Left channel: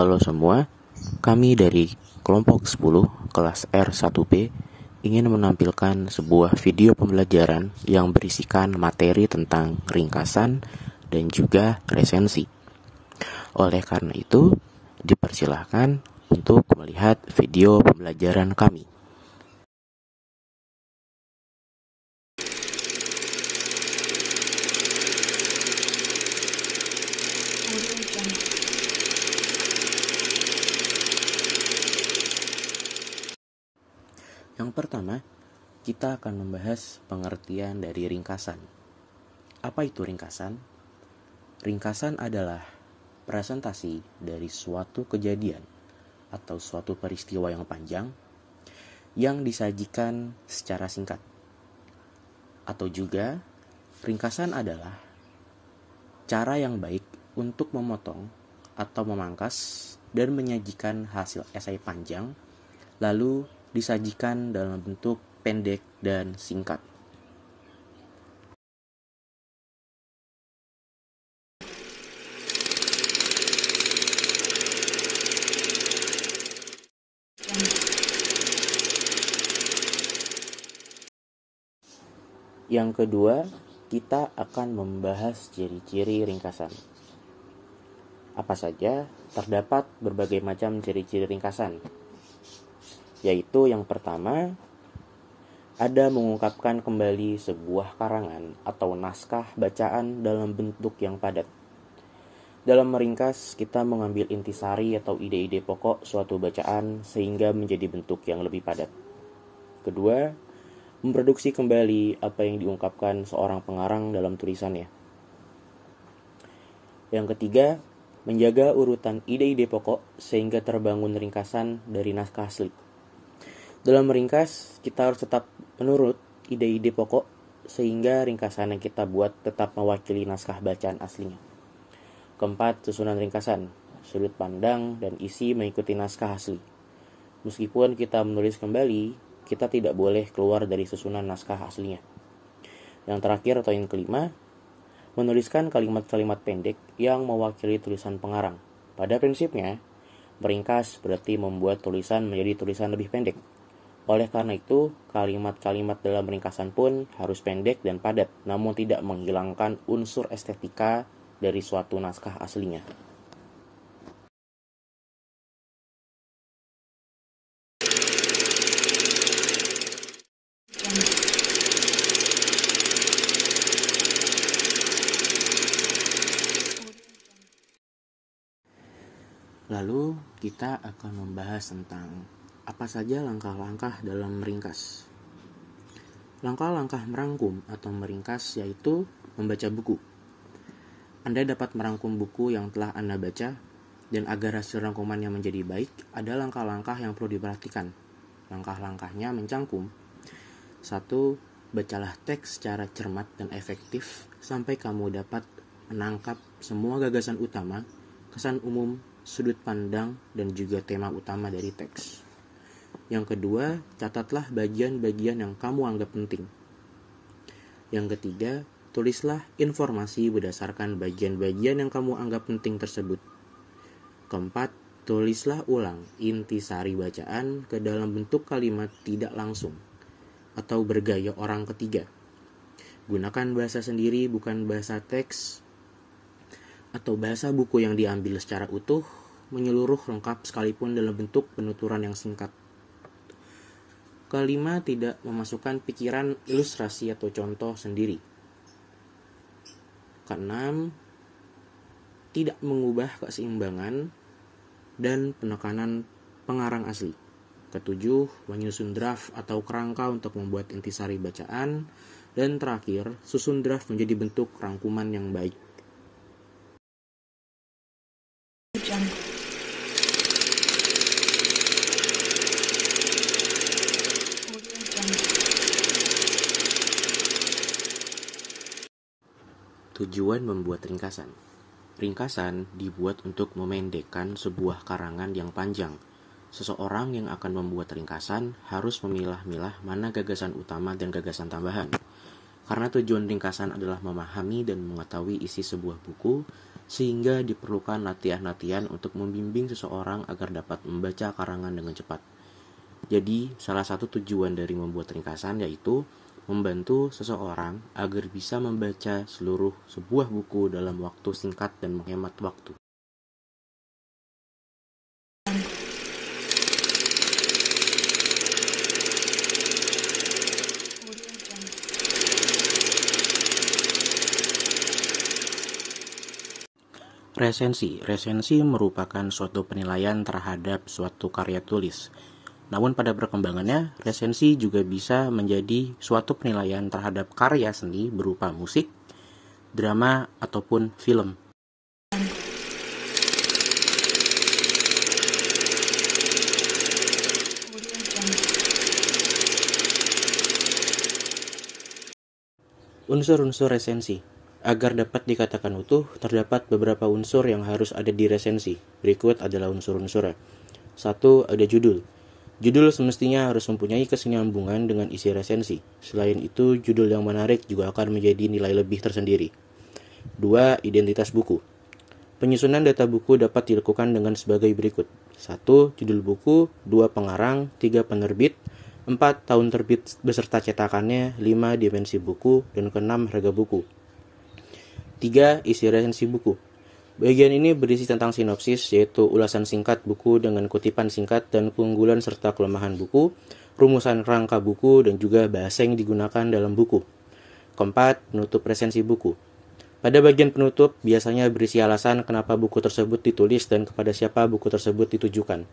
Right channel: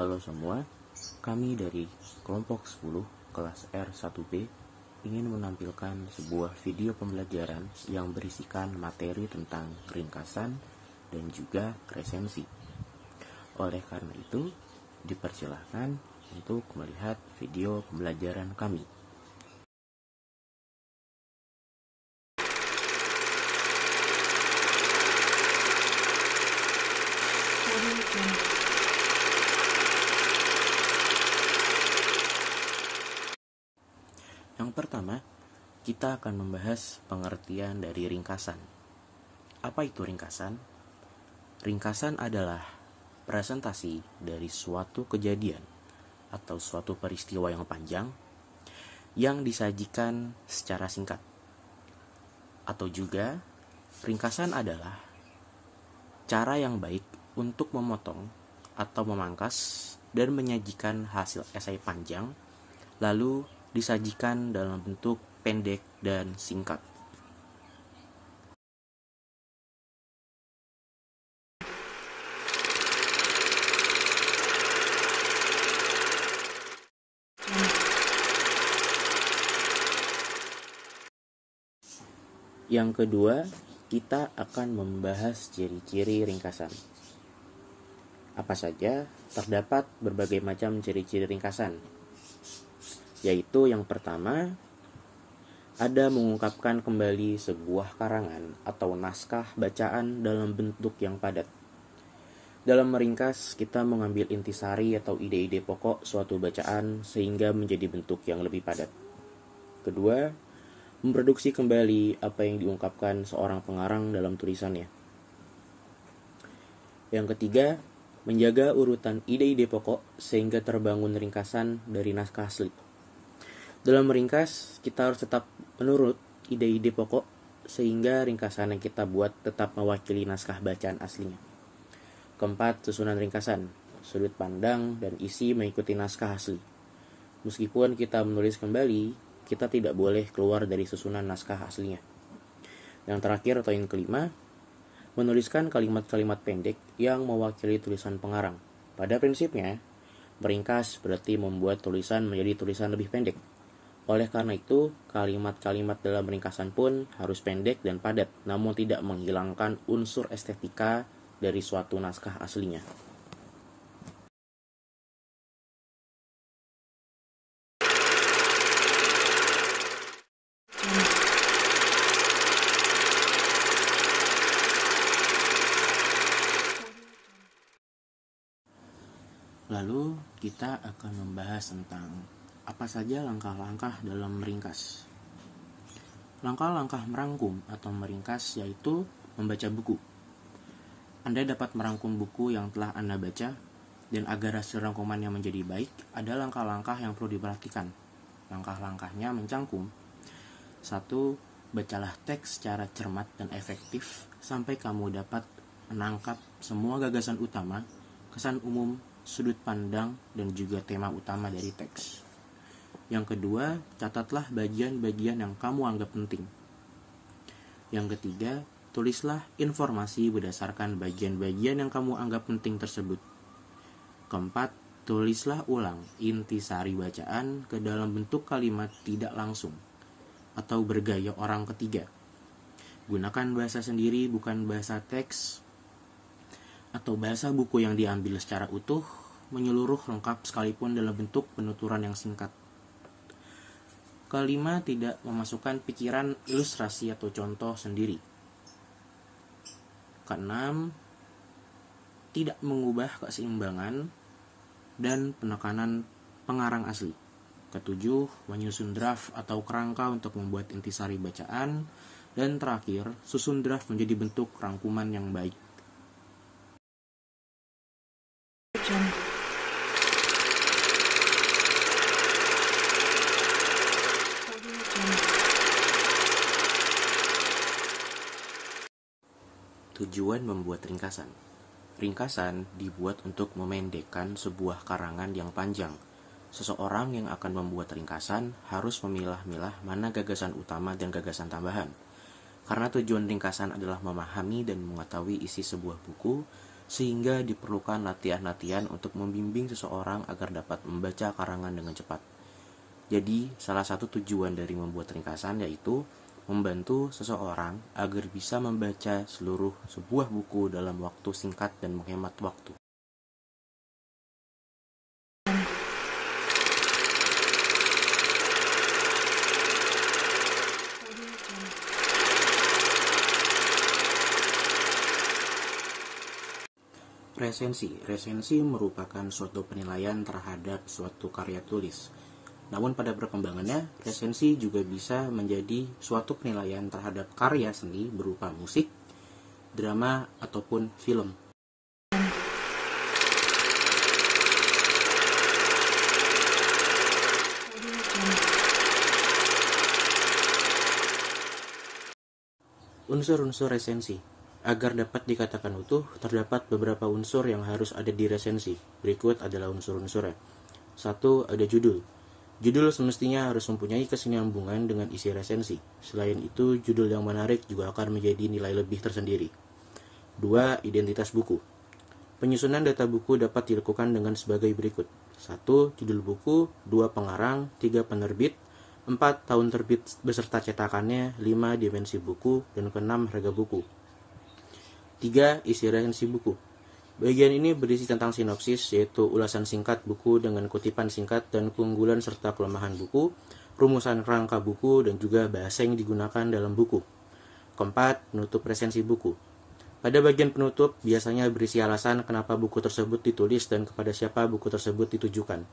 Halo semua, kami dari kelompok 10 kelas R1B ingin menampilkan sebuah video pembelajaran yang berisikan materi tentang ringkasan dan juga resensi. Oleh karena itu, dipersilahkan untuk melihat video pembelajaran kami. Yang pertama, kita akan membahas pengertian dari ringkasan. Apa itu ringkasan? Ringkasan adalah presentasi dari suatu kejadian atau suatu peristiwa yang panjang yang disajikan secara singkat. Atau juga, ringkasan adalah cara yang baik untuk memotong atau memangkas dan menyajikan hasil esai panjang, lalu disajikan dalam bentuk pendek dan singkat. Yang kedua, kita akan membahas ciri-ciri ringkasan. Apa saja? Terdapat berbagai macam ciri-ciri ringkasan, yaitu yang pertama, ada mengungkapkan kembali sebuah karangan atau naskah bacaan dalam bentuk yang padat. Dalam meringkas, kita mengambil intisari atau ide-ide pokok suatu bacaan sehingga menjadi bentuk yang lebih padat. Kedua, memproduksi kembali apa yang diungkapkan seorang pengarang dalam tulisannya. Yang ketiga, menjaga urutan ide-ide pokok sehingga terbangun ringkasan dari naskah asli. Dalam meringkas, kita harus tetap menurut ide-ide pokok sehingga ringkasan yang kita buat tetap mewakili naskah bacaan aslinya. Keempat, susunan ringkasan, sudut pandang dan isi mengikuti naskah asli. Meskipun kita menulis kembali, kita tidak boleh keluar dari susunan naskah aslinya. Yang terakhir atau yang kelima, menuliskan kalimat-kalimat pendek yang mewakili tulisan pengarang. Pada prinsipnya, meringkas berarti membuat tulisan menjadi tulisan lebih pendek. Oleh karena itu, kalimat-kalimat dalam ringkasan pun harus pendek dan padat, namun tidak menghilangkan unsur estetika dari suatu naskah aslinya. Lalu, kita akan membahas tentang apa saja langkah-langkah dalam meringkas. Langkah-langkah merangkum atau meringkas yaitu membaca buku. Anda dapat merangkum buku yang telah Anda baca, dan agar hasil rangkumannya menjadi baik, ada langkah-langkah yang perlu diperhatikan. Langkah-langkahnya mencangkum. 1. Bacalah teks secara cermat dan efektif sampai kamu dapat menangkap semua gagasan utama, kesan umum, sudut pandang, dan juga tema utama dari teks. Yang kedua, catatlah bagian-bagian yang kamu anggap penting. Yang ketiga, tulislah informasi berdasarkan bagian-bagian yang kamu anggap penting tersebut. Keempat, tulislah ulang intisari bacaan ke dalam bentuk kalimat tidak langsung atau bergaya orang ketiga. Gunakan bahasa sendiri, bukan bahasa teks atau bahasa buku yang diambil secara utuh, menyeluruh lengkap sekalipun dalam bentuk penuturan yang singkat. Kelima, tidak memasukkan pikiran, ilustrasi atau contoh sendiri. Keenam, tidak mengubah keseimbangan dan penekanan pengarang asli. Ketujuh, menyusun draft atau kerangka untuk membuat intisari bacaan. Dan terakhir, susun draft menjadi bentuk rangkuman yang baik. Tujuan membuat ringkasan. Ringkasan dibuat untuk memendekkan sebuah karangan yang panjang. Seseorang yang akan membuat ringkasan harus memilah-milah mana gagasan utama dan gagasan tambahan. Karena tujuan ringkasan adalah memahami dan mengetahui isi sebuah buku, sehingga diperlukan latihan-latihan untuk membimbing seseorang agar dapat membaca karangan dengan cepat. Jadi, salah satu tujuan dari membuat ringkasan yaitu membantu seseorang agar bisa membaca seluruh sebuah buku dalam waktu singkat dan menghemat waktu. Resensi merupakan suatu penilaian terhadap suatu karya tulis. Namun pada perkembangannya, resensi juga bisa menjadi suatu penilaian terhadap karya seni berupa musik, drama, ataupun film. Unsur-unsur resensi. Agar dapat dikatakan utuh, terdapat beberapa unsur yang harus ada di resensi. Berikut adalah unsur-unsurnya. 1. Ada judul. Judul semestinya harus mempunyai kesinambungan dengan isi resensi. Selain itu, judul yang menarik juga akan menjadi nilai lebih tersendiri. 2. Identitas buku. Penyusunan data buku dapat dilakukan dengan sebagai berikut. 1. Judul buku, 2. Pengarang, 3. Penerbit, 4. Tahun terbit beserta cetakannya, 5. Dimensi buku, dan ke-6. Harga buku. 3. Isi resensi buku. Bagian ini berisi tentang sinopsis, yaitu ulasan singkat buku dengan kutipan singkat dan keunggulan serta kelemahan buku, rumusan rangka buku, dan juga bahasa yang digunakan dalam buku. 4. Penutup resensi buku. Pada bagian penutup, biasanya berisi alasan kenapa buku tersebut ditulis dan kepada siapa buku tersebut ditujukan.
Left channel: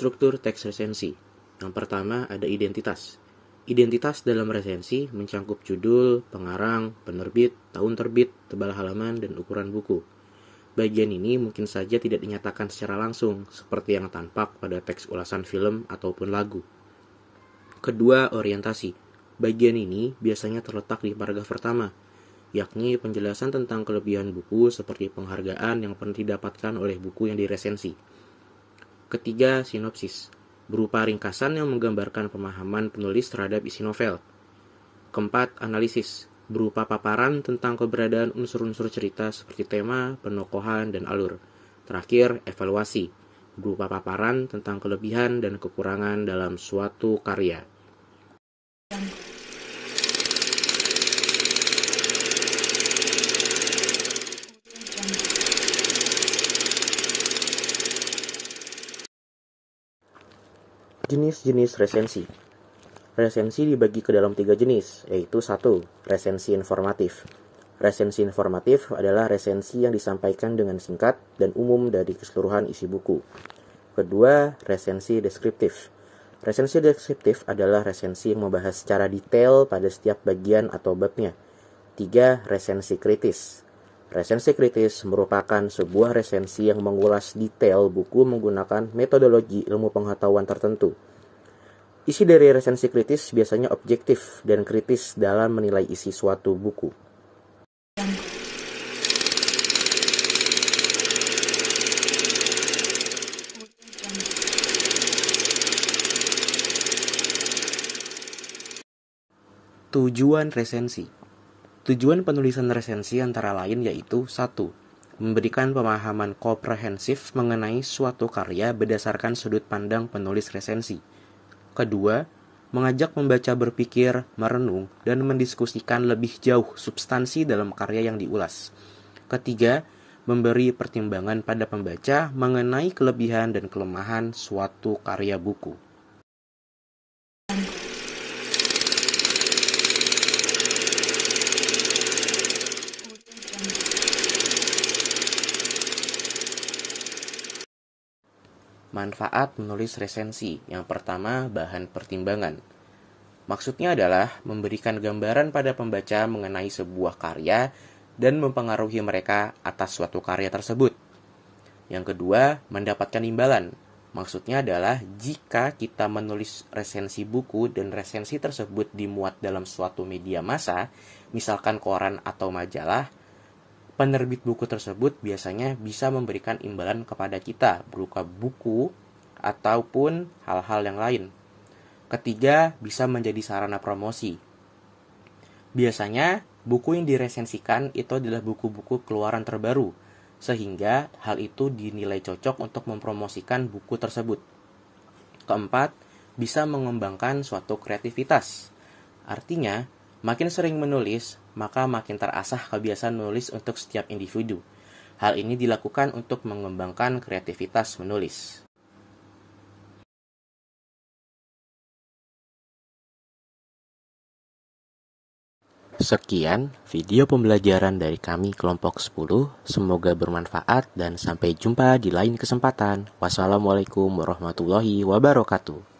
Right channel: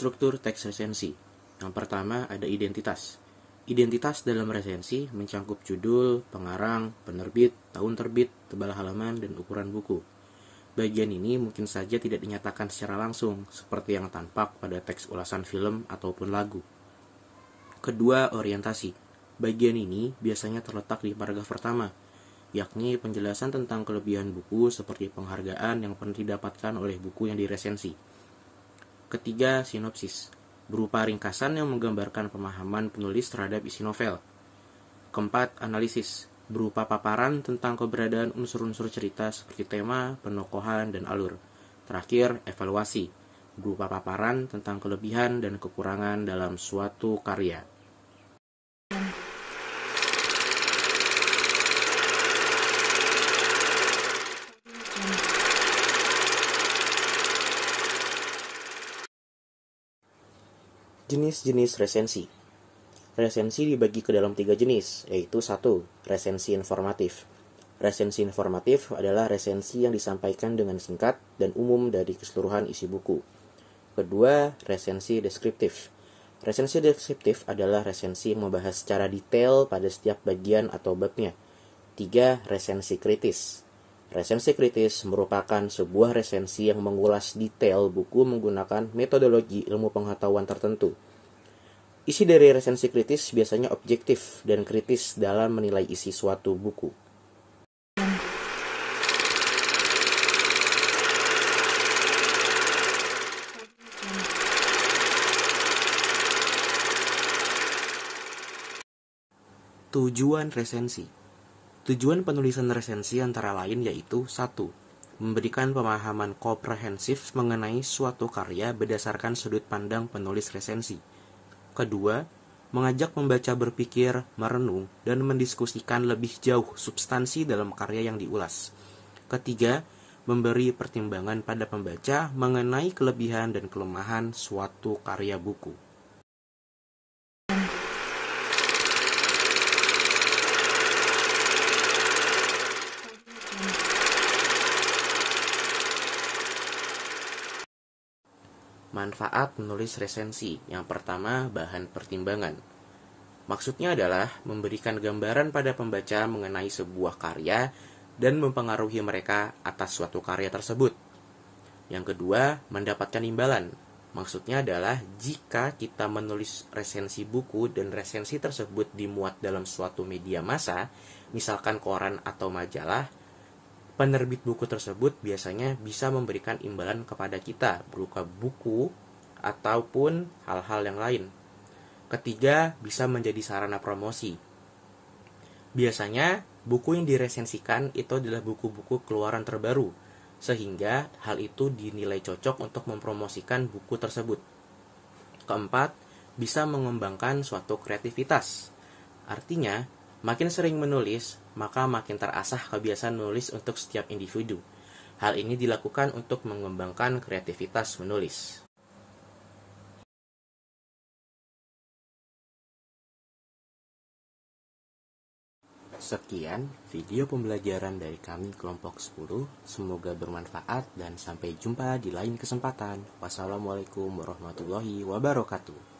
Struktur teks resensi. Yang pertama ada identitas. Identitas dalam resensi mencangkup judul, pengarang, penerbit, tahun terbit, tebal halaman, dan ukuran buku. Bagian ini mungkin saja tidak dinyatakan secara langsung, seperti yang tampak pada teks ulasan film ataupun lagu. Kedua, orientasi. Bagian ini biasanya terletak di paragraf pertama, yakni penjelasan tentang kelebihan buku seperti penghargaan yang pernah didapatkan oleh buku yang diresensi. Ketiga, sinopsis, berupa ringkasan yang menggambarkan pemahaman penulis terhadap isi novel. Keempat, analisis, berupa paparan tentang keberadaan unsur-unsur cerita seperti tema, penokohan, dan alur. Terakhir, evaluasi, berupa paparan tentang kelebihan dan kekurangan dalam suatu karya. Jenis-jenis resensi. Resensi dibagi ke dalam 3 jenis, yaitu 1. Resensi informatif. Resensi informatif adalah resensi yang disampaikan dengan singkat dan umum dari keseluruhan isi buku. Kedua, resensi deskriptif. Resensi deskriptif adalah resensi yang membahas secara detail pada setiap bagian atau babnya. 3. Resensi kritis. Resensi kritis merupakan sebuah resensi yang mengulas detail buku menggunakan metodologi ilmu pengetahuan tertentu. Isi dari resensi kritis biasanya objektif dan kritis dalam menilai isi suatu buku. Tujuan resensi. Tujuan penulisan resensi antara lain yaitu 1. Memberikan pemahaman komprehensif mengenai suatu karya berdasarkan sudut pandang penulis resensi. Kedua, mengajak pembaca berpikir, merenung, dan mendiskusikan lebih jauh substansi dalam karya yang diulas. Ketiga, memberi pertimbangan pada pembaca mengenai kelebihan dan kelemahan suatu karya buku. Manfaat menulis resensi. Yang pertama, bahan pertimbangan. Maksudnya adalah memberikan gambaran pada pembaca mengenai sebuah karya dan mempengaruhi mereka atas suatu karya tersebut. Yang kedua, mendapatkan imbalan. Maksudnya adalah jika kita menulis resensi buku dan resensi tersebut dimuat dalam suatu media massa, misalkan koran atau majalah, Penerbit buku tersebut biasanya bisa memberikan imbalan kepada kita berupa buku ataupun hal-hal yang lain. Ketiga, bisa menjadi sarana promosi. Biasanya, buku yang diresensikan itu adalah buku-buku keluaran terbaru, sehingga hal itu dinilai cocok untuk mempromosikan buku tersebut. Keempat, bisa mengembangkan suatu kreativitas. Artinya, makin sering menulis, maka makin terasah kebiasaan menulis untuk setiap individu. Hal ini dilakukan untuk mengembangkan kreativitas menulis. Sekian video pembelajaran dari kami kelompok 10. Semoga bermanfaat dan sampai jumpa di lain kesempatan. Wassalamualaikum warahmatullahi wabarakatuh.